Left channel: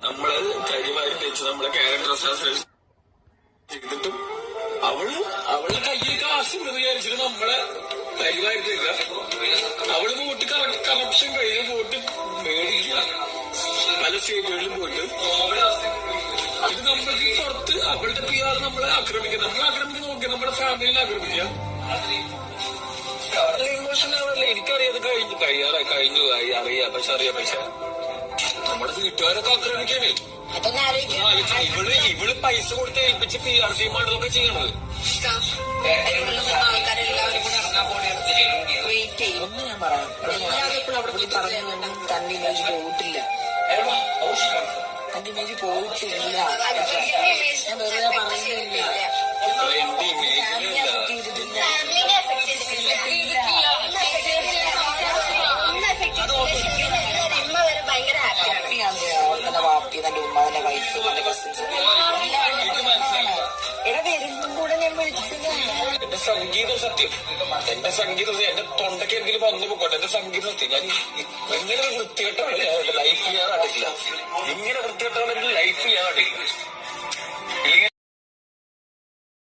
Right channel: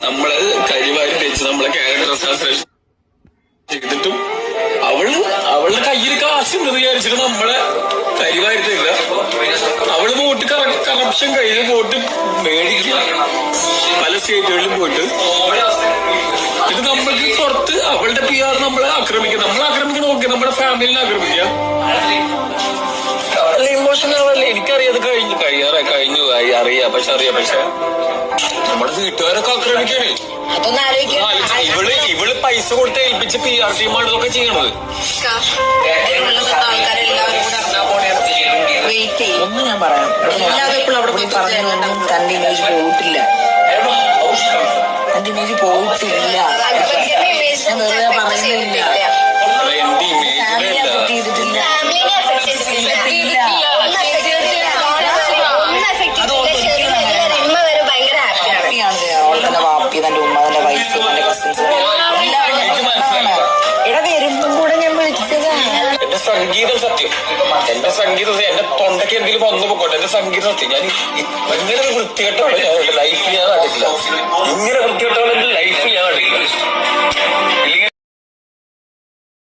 നമ്മള് കരിവാരി വെച്ച് നമ്മളെ ക്യാരക്ടർ ചെയ്തിട്ടും അവളുടെ കയ്യിൽ കാശുണ്ടെന്ന് വിചാരിച്ചിട്ട് നമ്മളെ കരിവാരിട്ടില്ല. അവള് വോട്ട് കറപ്ഷൻ കഴിഞ്ഞ് വോട്ട് മേടിക്കുക പല സ്റ്റേറ്റുകളിലും പോയിട്ട്. ഇത് നമ്മൾക്ക് പുറത്ത് അവളുടെ PR നമ്മളെ ആക്രമിക്കുക. നമ്മളെ ആക്രമിക്കാൻ നോക്കി നമ്മുടെ ഫാമിലിനെ ആക്രമിക്കുക. ഇമോഷണൽ ആവല്ലേ? എനിക്കറിയാം, അത് കഴിഞ്ഞു അറിയാം. പക്ഷെ നമ്മുടെ വീട്ടുകാരൊക്കെ ആക്രമിക്കാനേ. ഇവള് പൈസ കൊടുത്ത് ഏൽപ്പിച്ച് PR ടീമാണ് ഇതൊക്കെ ചെയ്യണത്. ഒന്ന് ഞാൻ പറയാം, എല്ലാവർക്കും അവിടെ പോയി പറഞ്ഞൊന്നും തന്റെ ഇമേജ് പോയിട്ടില്ല. തന്റെ ഇമേജ് പോയിട്ടില്ല. ഞാൻ വെറുതെ പറയുന്നില്ല. ഫാമിലിയെ അഫക്ട് ചെയ്തിട്ടില്ല. അവളുടെ വാപ്പി, തന്റെ ഉമ്മ, തന്റെ വൈഫ്, തന്റെ കസിൻസ് ഇവിടെ വരുമ്പം കൂടെ ഞാൻ വിളിച്ചതാണ്. എന്റെ സംഗീതം സത്യം, എന്റെ തൊണ്ടയ്ക്ക് എന്തെങ്കിലും വന്നു പോക്കോട്ടെ. എന്റെ സംഗീതം സത്യം. ഞാൻ ഇങ്ങനെ വൃത്തികെട്ടാണ് ഞാൻ എന്റെ ലൈഫിൽ ഞാൻ കണ്ടിട്ടില്ല. ഇങ്ങനെ വൃത്തികെട്ടാണ്